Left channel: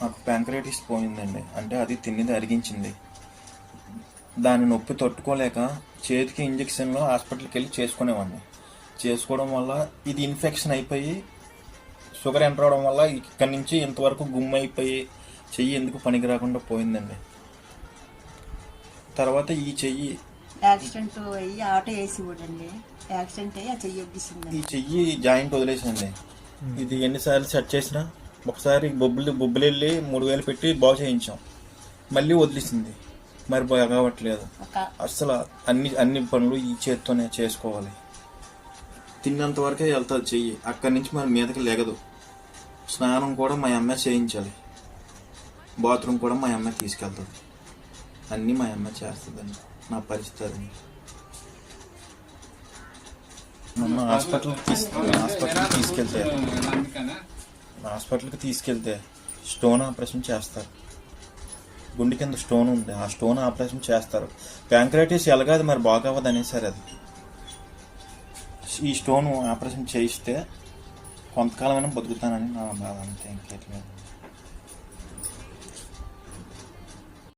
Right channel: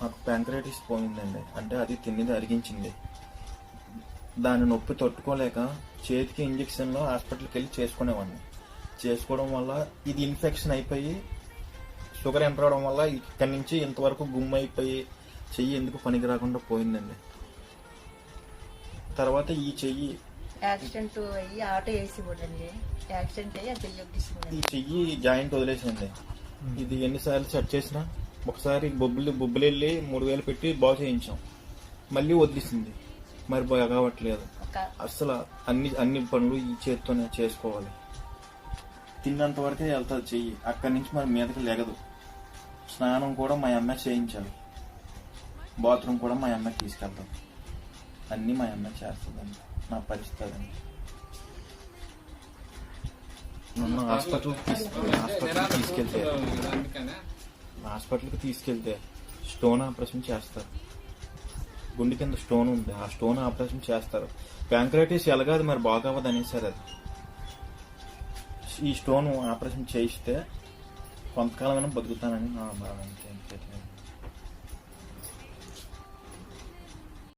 నాకు ప్యాంక్రైటిస్ పోయిందండి. అంటే అది తిన్నది అరిగించింది. దాని నొప్పి తట్టుకోలేక చేతికి ఇంజక్షన్లో హాస్పిటల్కి వెళ్ళి చేసుకునేవాడిని. చేసుకోవడం వల్ల ఇది ఇన్ఫెక్షన్ అయిపోయి షుగర్ ఎంటర్ అవడం వల్ల ఇక్కడి నుంచి ఇంతవరకు గుమ్మైపోయి చెయ్యి ఎందుకు పనికి రాకుండా పోయిందండి. తర్వాత ఈ చెయ్యి యాక్సిడెంట్ అయ్యి ఆటో వేసి పోడండి, యాక్సిడెంట్ అయ్యి ఆ చెయ్యి వడ్డిస్తుంది. ఈ చెయ్యి జాయింట్ వదిలేసింది. ఇది ఎన్నిసార్లు సెట్ చేసినా ఒకసారి బొబ్బులు వెళ్ళి 3,000 పెట్టి బాగు చేయించాం, మళ్ళీ వదిలేసింది. మరి బాగా కావట్లేదు అసలు. అన్ని పనులు ఈ చేత్తోనే చేసుకోవాలి. తిన్నంత వరకే వెళ్తుంది చెయ్యి, అక్కడి నుంచి మరి మీదకి లెగదు. స్నానం కూడా మా అమ్మ చేయించాలి, బాత్రూమ్ కూడా మా అమ్మ తీసుకెళ్తుంది, అన్నీ మా అమ్మ చేస్తుందండి. నా పరిస్థితి నన్ను హాస్పిటల్కి తీసుకెళ్తే స్టోన్ ఆపరేషన్ చేస్తారు. గుండె కింద స్టోన్ ఉంది, ఆ స్టోన్ ఆపరేషన్ చేస్తారు. ప్యాంక్రైటిస్ ఎలాగదు మరి బాగవ్వదు అనేసారు. అది ఈ స్టోన్ ఆపరేషన్ చేయిస్తే కొంతకాలమైనా బతుకుతానని నా భావానికి.